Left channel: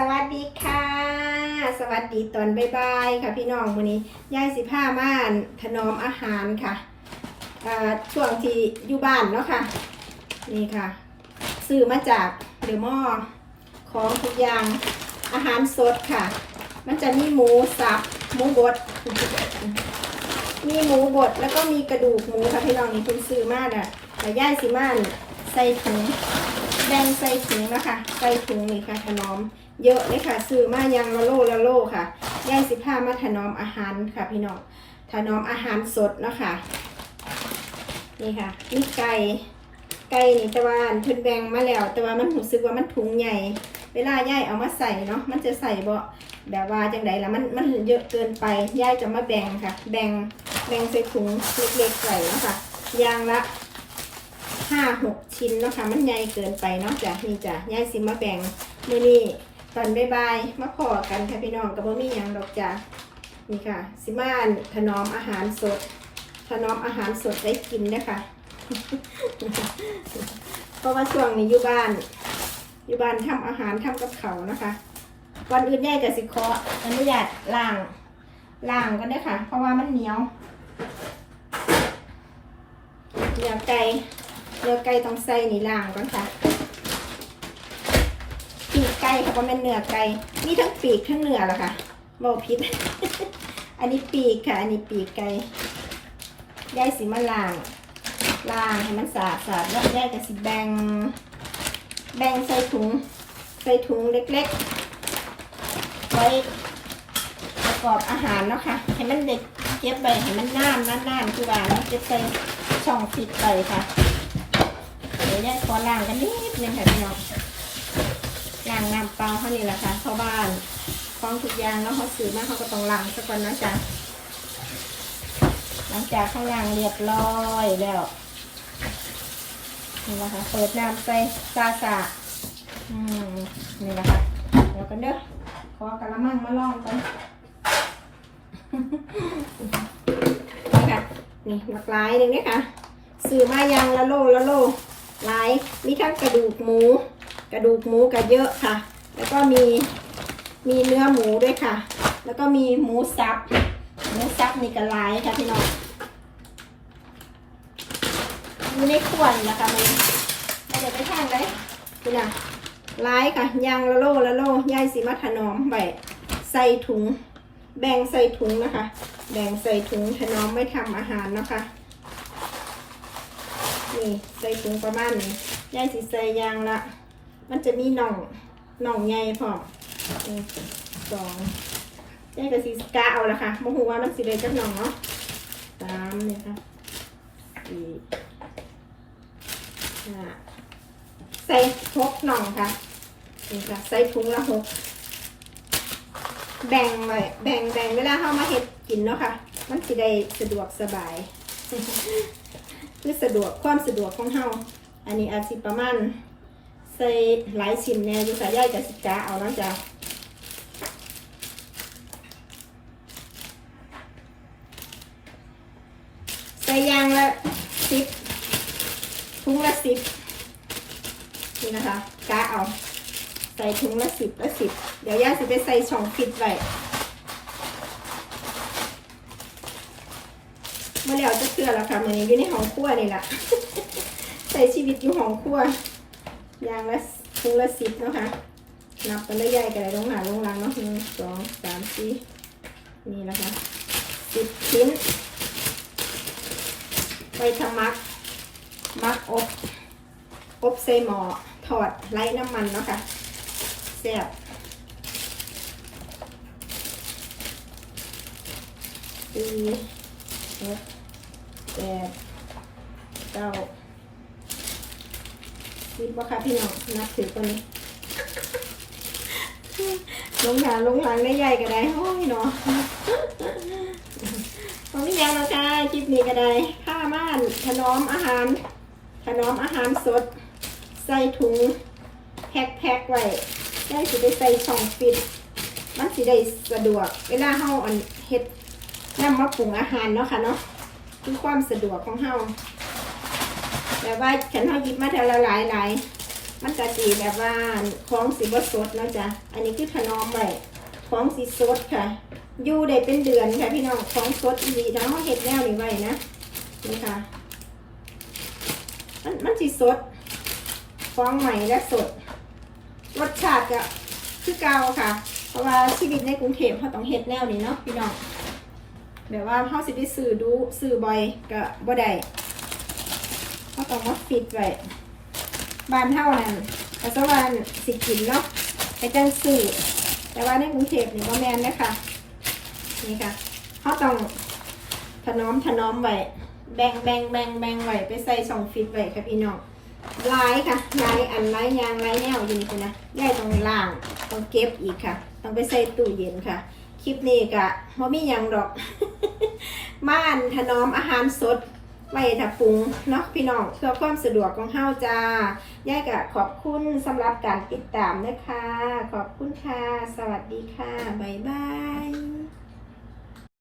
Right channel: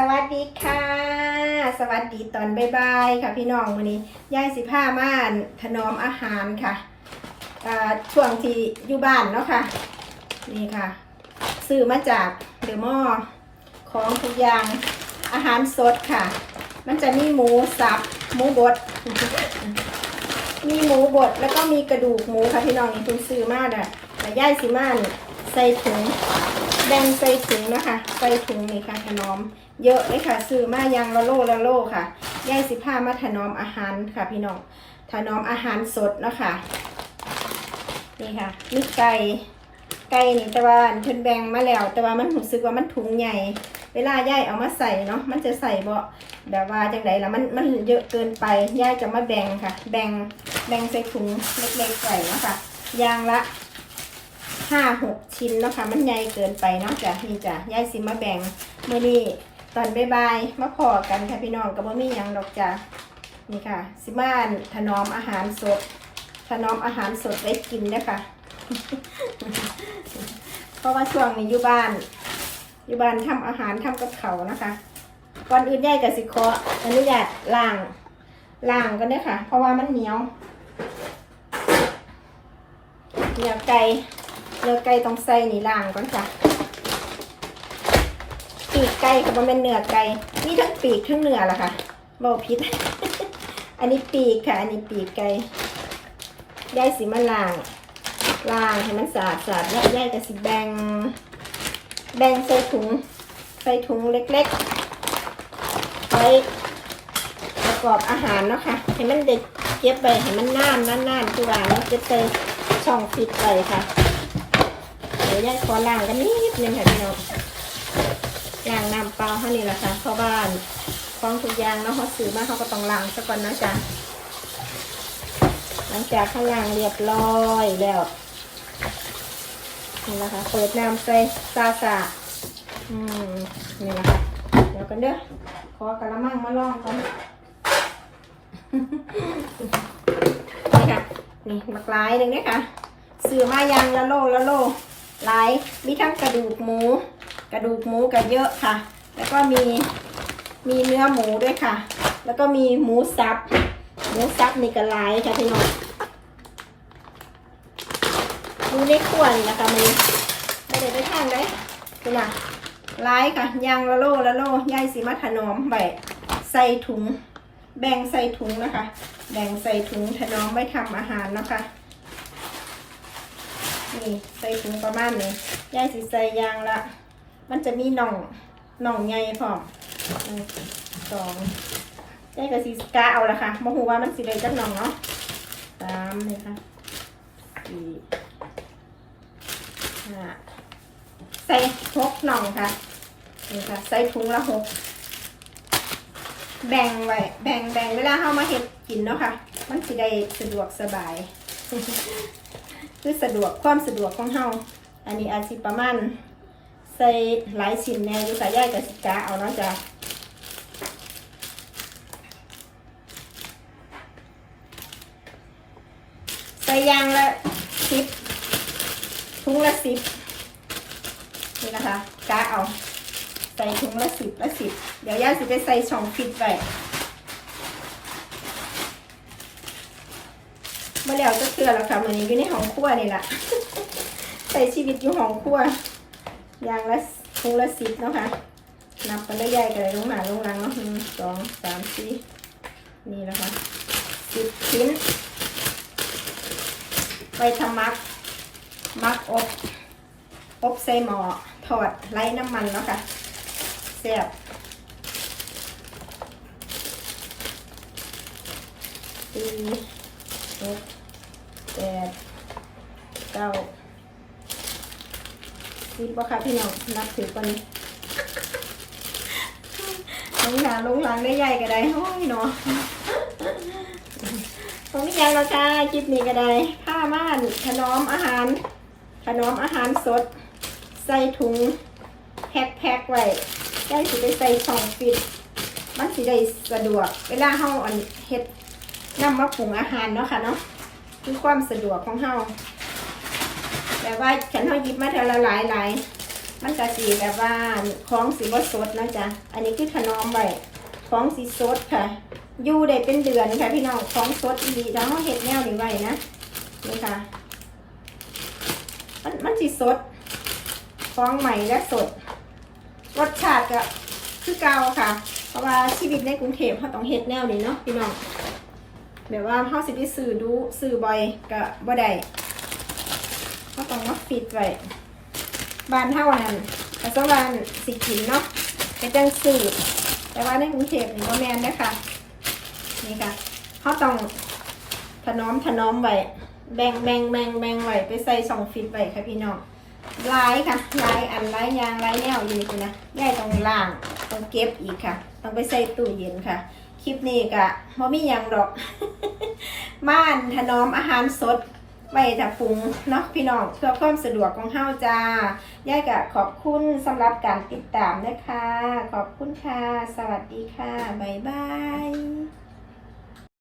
สวัสดีค่ะ สวัสดีตอนบ่ายๆค่ะพี่น้องวันนี้ยายสิผ้าม่านถนอมอาหารค่ะช่วงที่อยู่บ้านเนาะค่ะ นี่ค่ะซื้อมาจากเดอะมอของทุกอย่างอาหารสดค่ะ มันจะมีหมูสับหมูบด มีหมูบดแล้วก็มีกระดูกหมูค่ะพี่น้องนี่คุณซื้อมากอะแต่ย่ายสิม่านใส่ถุง แบ่งใส่ถุงนะคะ ใส่ถุงนี่ค่ะถนอม เยอะเลยค่ะซื้อมายังละโลละโลค่ะย่ายสิผ้ามาถนอมอาหารค่ะ พี่น้องถนอมอาหารสดนะคะนี่ค่ะมีไก่ไก่นี่ต่ว่าเพิ่นแบ่งมาแล้ว แต่ว่ามันรู้สึกว่ามันถุงใหญ่ เวลาย่ายเอามาใส่เนาะมันจะใส่บ่แบบว่าจังไดล่ะมันมันเยอะเกินไปย่ายจะมาแบ่งค่ะ แบ่งแบ่งใส่ถุงเล็กๆใส่เนาะค่ะยางละ ห้าหกชิ้นเนาะค่ะมันใหญ่เกินไปเนาะจ้ะนี่จ้ะย่ายสิมาแบ่งเมื้อนี้ตอนบ่ายๆมาพอกันค่ะพี่น้องก็บ่มีหยังดอกจ้ะนี่ค่ะ สิมาถนอมอาหารสด ถนอมอาหารสดไว้กินเด้อค่ะเพราะว่าช่วงนี้อยู่บ้าน อยู่บ้านทำอาหารทำกับเขานะคะก่อนอื่นแย่กับสิเคาะอันุญาตล้างล้างก็ได้ค่ะ เพราะว่ามันเหนียวเหนียวไก่ เนื้อไก่ต้องใส่นี่ล้างก่อนจ้ะปีกไก่ค่ะมันเป็นเนื้อไก่นี่ทั้งปีกทั้งเนื้อละค่ะเบาพิษอันนี้ปีกค่ะ อันนี้ปีกไก่ได้สีมาล้างล้างให้มันสะอาดสะอาดแล้วได้กับสีแบงแบ่งใส่ถุงใส่ถุงเล็กๆ ไว้ประกอบอาหารเนาะค่ะให้มันเด็กเก็บไปให้มันน้ำน้ำๆคือว่ามันจะเติมช่องฟิตไปค่ะ ดี๋ยวแยกขอล้างกันนิดนึงค่ะพี่น้องล้างน้ำเปล่าเท่านี้แหละค่ะเพราะบ้านของทุกอย่างเนาะเขาซื้อมาเขาก็ต้องล้างสักวันนะจ๊ะหลังจากเขาล้างเรียบร้อยแล้วนี่แหละคะเปิดน้ำใส่ซาซาอืมนี่แหละคะเดี๋ยวกันเด้อขอกระมังมาลองกันนี่ค่ะนี่หลากหลายหนึ่งเนี่ยค่ะซื้อมายังละโลละโล หลายมีทั้งกระดูกหมู กระดูกหมูก็เยอะค่ะ แล้วก็มีมีเนื้อหมูด้วยค่ะ แล้วก็มีหมูสับ หมูสับนี่ก็หลายค่ะพี่น้องมีในขวดนะคะมันไม่ได้ไปทานได้คุณน่ะหลายค่ะยางละโลละโลยายสีมาถนอมใบใส่ถุง แบ่งใส่ถุงนะคะ แบ่งใส่ถุงถนอมไว้ทำอาหารนะคะ นี่ใส่ถุงประมาณนี้ยายสีใส่ยางละ มันจะมีหน่องหน่องใหญ่พร้อมสองยายก็สีกาเอาละค่ะมหูว่ามันสีเลยจักหน่องเนาะสามนี่ค่ะสี่ห้าใส่หกหน่องค่ะนี่ค่ะใส่ถุงละหกแบ่งไว้แบ่งแบ่งเวลาเข้ามาเห็ดกินเนาะค่ะ มันสิได้สะดวกสบาย คือสะดวกความสะดวกของเฮาอันนี้อาจสิประมาณใส่หลายชิ้นแน่อยู่สายใยกับสิกาเอาเนาะจ้ะใส่ยางละสิบถุงละสิบนี่นะคะกาเอาใส่ถุงละสิบละสิบเดี๋ยวย่าสิไปใส่ช่องฟิตไว้ เมื่อแล้วจะเกลือแล้วค่ะมันอยู่ในห้องครัวนี่แหละใส่ชีวิตอยู่ห้องครัวอย่างละถุงละสิบเนาะค่ะนับกันได้ใหญ่กันเลยลงหนาลงหลังเนาะหนึ่งสองสามสี่นี่นะคะสิบชิ้น ไปทำมัก มักอบอบใส่หม้อทอดไร้น้ำมันเนาะค่ะแซ่บสี่หก แปดเก้าสิบว่าค่ะพี่น้องนับถือคนนี้ลงหลังลงหลังได้ใหญ่ก็ได้โอ้ยเนาะตรงนี้ยังเราจ้าคลิปนี้ก็ได้ผ้าม่านถนอมอาหาร ขนมอาหารสด ใส่ถุงแพ็คแพ็คไว้ได้สิได้ใส่ช่องฟิตมันสิได้สะดวก เวลาเฮาอันเฮ็ดนำมาปรุงอาหารเนาะค่ะเนาะ คือความสะดวกของเฮาแต่ว่าฉันเฮาหยิบมาเทอละหลายหลายมันจะสีแบบว่าของสีบสดนะจ๊ะ อันนี้คือถนอมไว้ของสีสดค่ะ อยู่ได้เป็นเดือนค่ะพี่น้อง ของสดดีเนาะเห็ดแนวนี้ไว้นะ นี่ค่ะ มันมันสีสดของใหม่และสด รสชาติก็คือเก่าค่ะ เพราะว่าชีวิตในกรุงเทพเขาต้องเห็ดแนวนี้เนาะพี่น้อง แบบว่าเขาสิไปซื้อดูซื้อบ่อยก็บ่ได้เขาต้องมาฟิตไว้บ้านเท่านั้นแต่สวานสิกินเนาะไปจังสื่อแต่ว่าในกรุงเทพนี่ว่าแมนนะคะนี่ค่ะเขาต้องถนอมถนอมไว้แบ่งแบ่งแบ่งแบ่งไว้ไปใส่สองฟิตไว้ค่ะพี่น้องลายค่ะลายอันลายยางลายแนวอยู่นี่นะแย่ต้องล่างต้องเก็บอีกค่ะ ต้องไปใส่ตู้เย็นค่ะ คลิปนี้กะพอมีหยังดอก ม่านถนอมอาหารสดไว้ถ้าปรุงเนาะพี่น้องเพื่อความสะดวกของเฮาจ้าย่ายกะขอบคุณสำหรับการติดตามนะคะ ขอบคุณค่ะ สวัสดีค่ะ บ๊ายบาย